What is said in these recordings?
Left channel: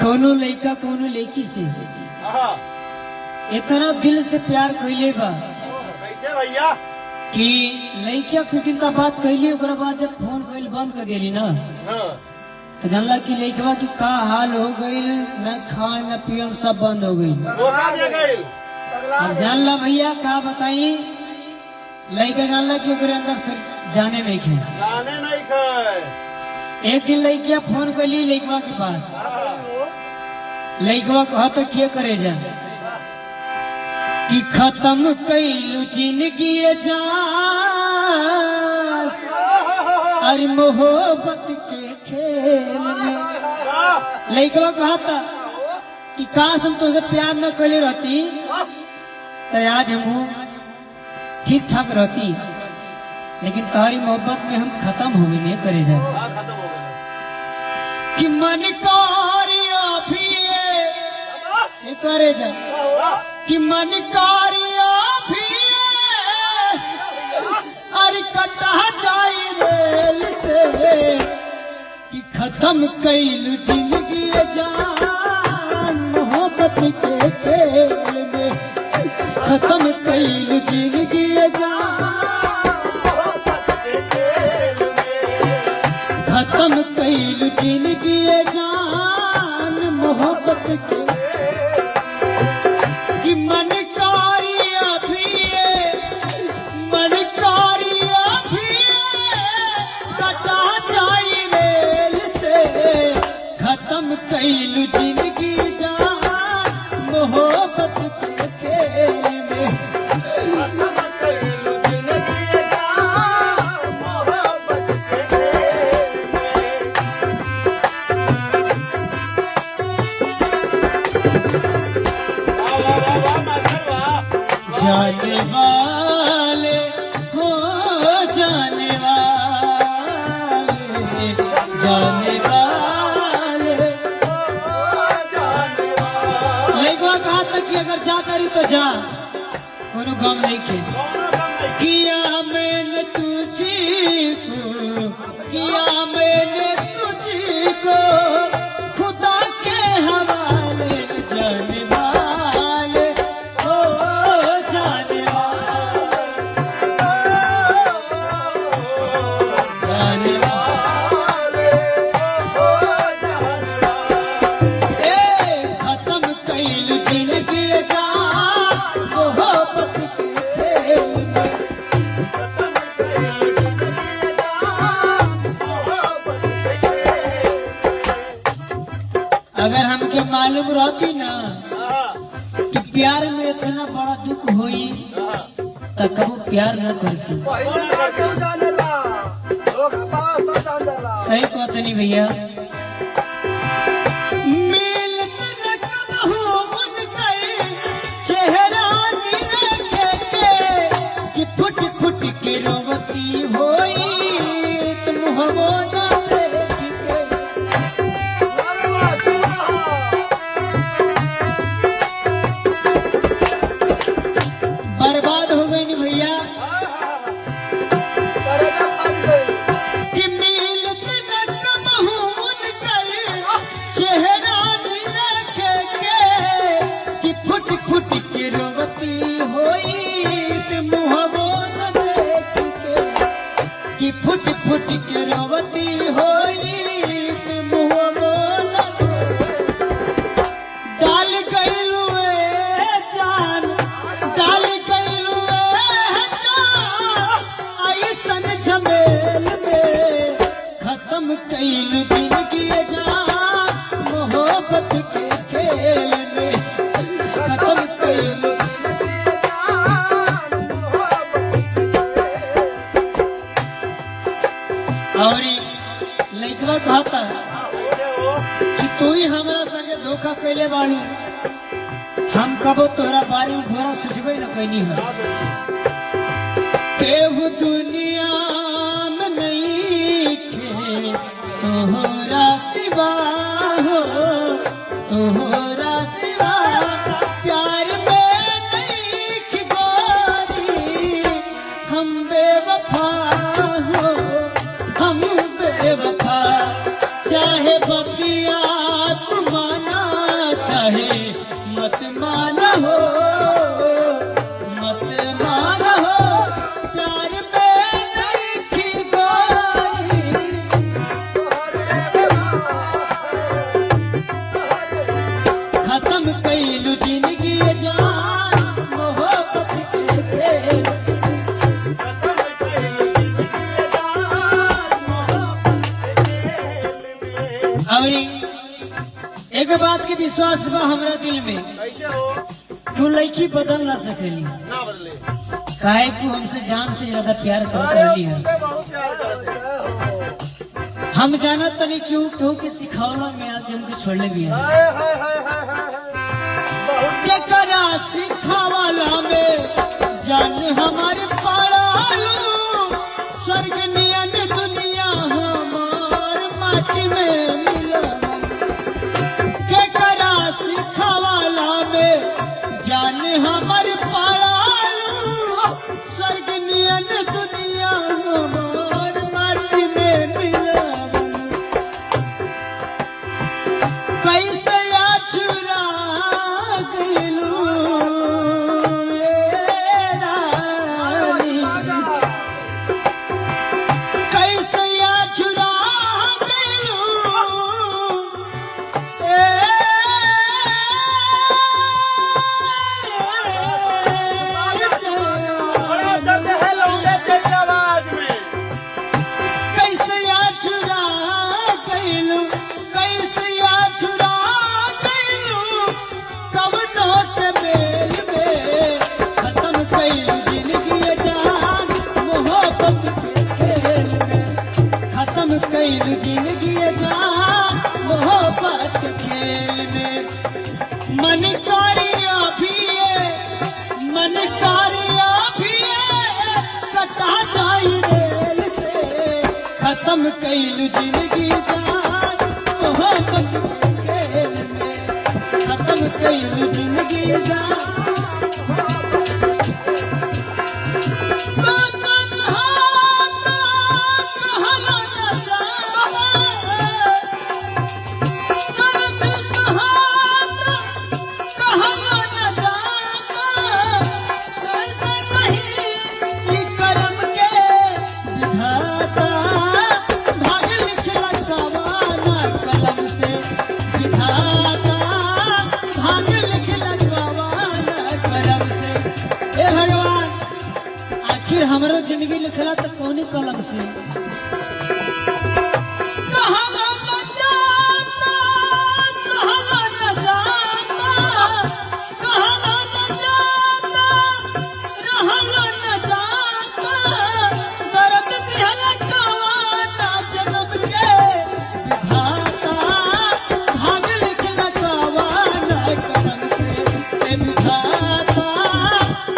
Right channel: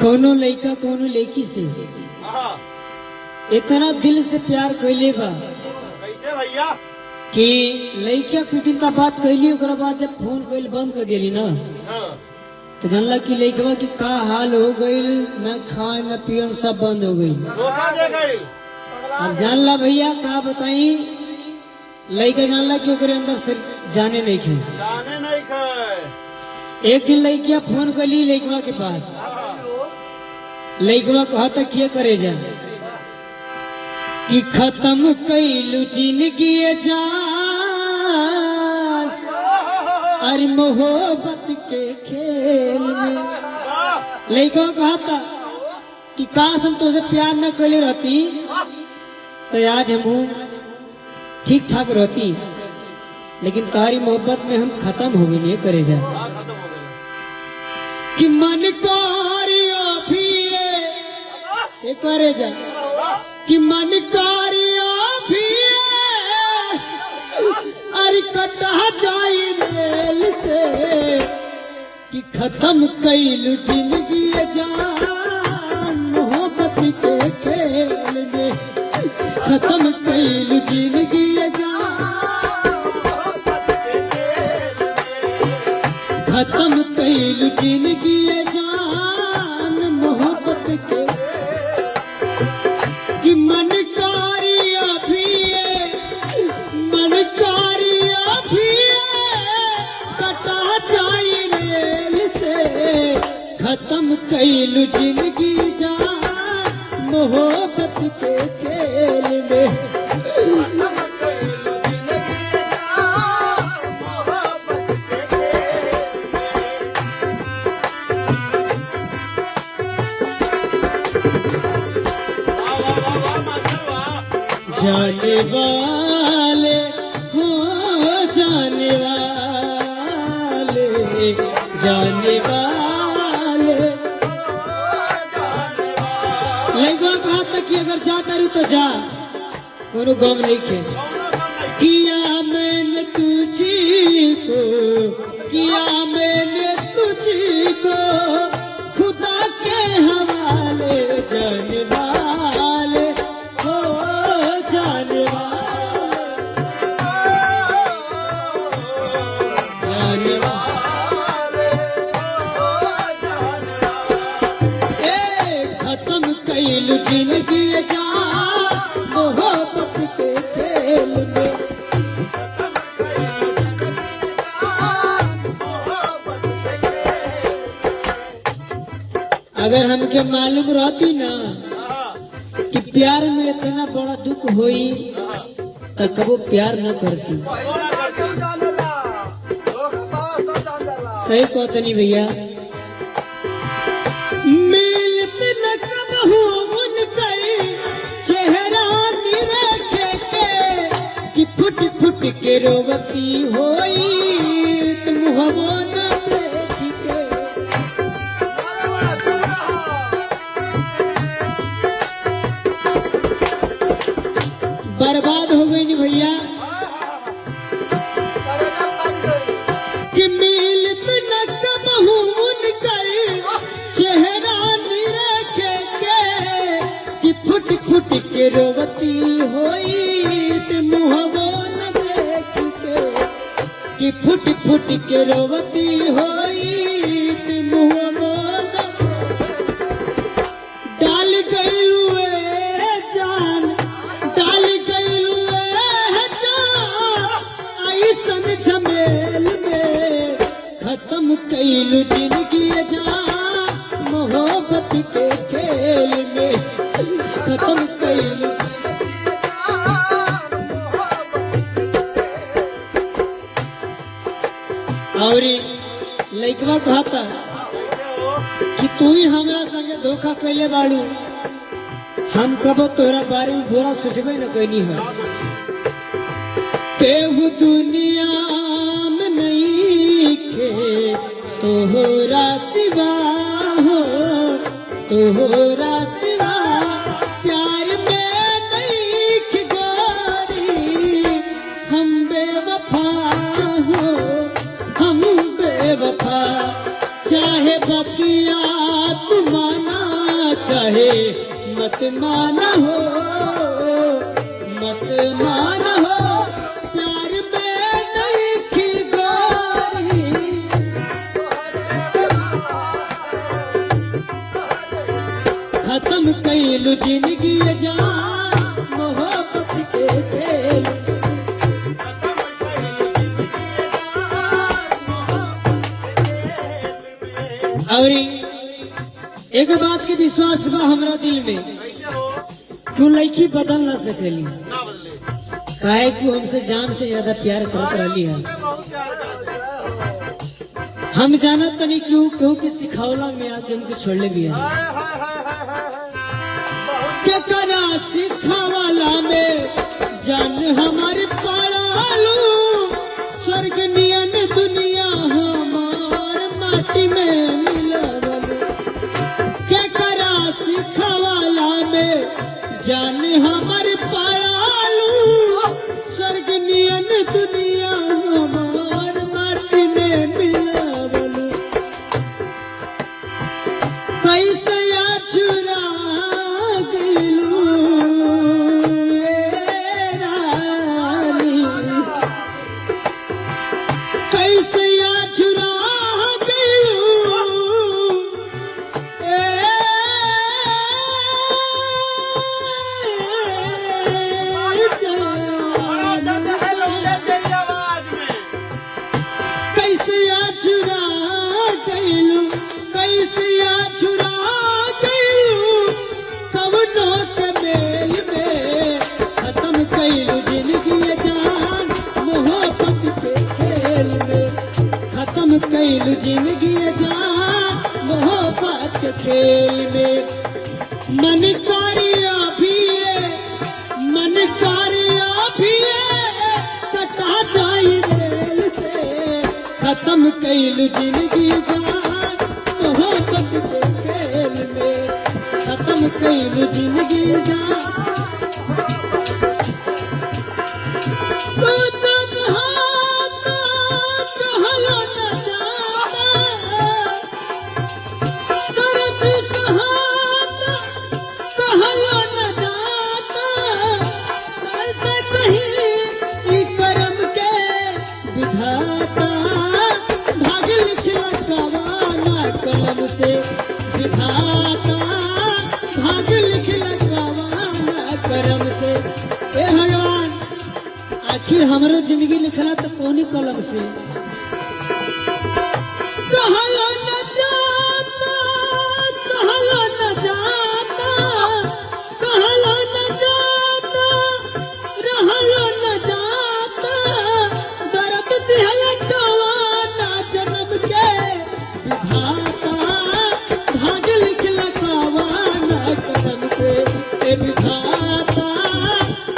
कोनो लड़का कोनो लड़की से इतना दिल से प्यार कैले बा कैसे भैया? कि लड़का कुछ दिन का बात कैली, ओकरा बाद जब फोन कैल बंद कर देली ना तो जानला कि लड़कवा की का हाल हो गई, न खा न पियम सब बंद हो गई। धोखा दे गई। अब जानला भैया का बताई, लड़का जानला कि ओकरे अंदर से जाने नहीं खे। जाने नहीं खाए। एक दिन लड़किया फोन कैली लड़कवा के पास, लड़कवा कहा तो क्या करे जा कि खत्म कैलू जिंदगी जा अरे मोहब्बत के खेल में। लड़कवा कहा था कि काश हम तुझसे प्यार न करे रहती तो आज हम ठीक ठाक रहती, लेकिन तुम्हारी मोहब्बत में हम खत्म हो गए, नहीं करे जाए खत्म हो गए। कि मन कार्य भी ये करे जा कि मन कार्य भी अरे कटा जाए रेल से कि खत्म कैलू जिंदगी जान मोहब्बत के खेल में। खत्म कैलू जिंदगी खत्म कैलू जिंदगी जान मोहब्बत के कि मन कार्य भी कटा जाए रेल से। खत्म कैलू जिंदगी जान मोहब्बत के खेल में। जाने वाले हो जाने वाले, जाने वाले एक बात कहा कि अगर जा करी तो जा, कोनो गम नहीं खे। किया मैंने तुझी को, किया मैंने तुझी को खुदा के हवाले। जाने वाले हो जाने वाले, जाने वाले खत्म कैलू जिंदगी जा मोहब्बत के खेल में। अगर हमके मालूम रहती ना कि प्यार में इतना बड़ा दुख होई तो कबो प्यार न करती। सही कहत नहीं भैया। मिलत न कबहू उनके चेहरा निरखे के कि फुट फुट के रोवती होई तुम हो न देख के। बर्बाद हो गई नहीं भैया कि मिलत न कबहू उनके चेहरा निरखे के कि फुट फुट के रोवती होई तुम हो न देख के। कि फुट फुट के रोवती होई तुम हो न डाल गईलू जान, डाल गईलू जान ऐसन झमेल में। खत्म कैलू जिंदगी जान मोहब्बत के खेल में। खत्म कैलू और लड़कवा कहता कि तू ही हमारा संगे धोखा कैले बाड़ू, हम कबो तोरा बारे में बुरा सोचबे न कैनी है। केहू दुनिया में नहीं खे तोहरा सिवा हो, तोहरा सिवा प्यार में नहीं खे गोरी। हम बेवफा हो, हम बेवफा चाहे बतिया तुमाना मानो मत मानो प्यार में नहीं की गारी खत्म कैलू जिंदगी जान मोहब्बत के खेल और एक बात के विश्वास बा हमरा दिल में कैसे हो तू लड़की बदल ना सकेली ना बदले काहे को हमसे जान से ज्यादा प्यार करत रहली है मुझे बहुत प्यार करते हम जानत तनी क्यों क्यों के सिखावला में आज हमके छोड़ले भी है हाय हाय हाय हाय हाय के करा सिखावला में जान हमारे पाड़ालू स्वर्ग नियन दुनिया हमार माटी में मिलावल के करा सिखावला में जान हमारे पाड़ालू स्वर्ग नियन दुनिया हमार माटी में मिलावल कैसे या चुरा दिलू कैसे या चुरा दिलू बड़ा दर्द है लौंडे तेरी आवाज में कैसे या चुरा गईलू कैसे या चुरा गईलू कब नोट मेल में खत्म कैलू जिंदगी जान मोहब्बत के खेल में खत्म कैलू जिंदगी जान मोहब्बत के खेल में मन कारिया भी है मन कारिया भी है कटा जाई रेल से खत्म कैलू जिंदगी जान मोहब्बत के खेल में खत्म कैलू जिंदगी जान तो जब हाथ कहलो न जाता दर्द सहाता कहलो न जाता कैसे नहीं ई करम के विधाता भाग लिखला कवाना कलम से विधाता भाग लिखला कवाना कलम से ए भगवान आखिर हमरो जिंदगी लिखला तो कौनी कलम से कहलो न जाता कहलो न जाता कहलो न जाता रहलो न जाता दर्द दिहला कवाना जन्म के विधाता भाग लिखला कवाना कलम से ए विधाता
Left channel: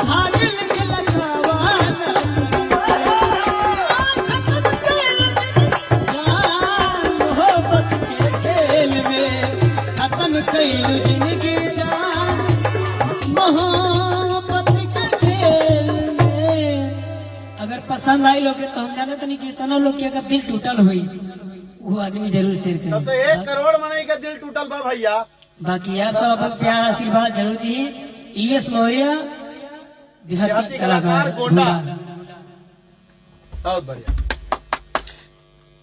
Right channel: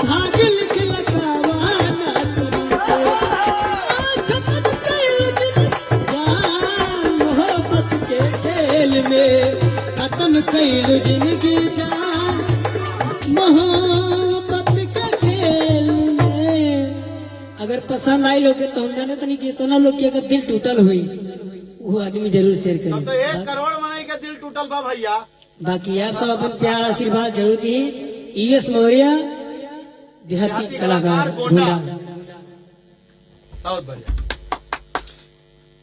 भाग लिखला कवाना कलम से खत्म कैलू जिंदगी जान मोहब्बत के खेल में अगर पसंद आई लोग तो हम जाने तो नहीं कितना लोग की अगर दिल टूटल हुई वो आदमी जरूर शेयर तब तो करे 1 करोड़ मनाई का दिल टूटल बा भैया बाकी आप सब अपन प्यार आशीर्वाद जरूर दिए ES मौर्य देहाती कलाकार गोंडा गोंडा बहुत बढ़िया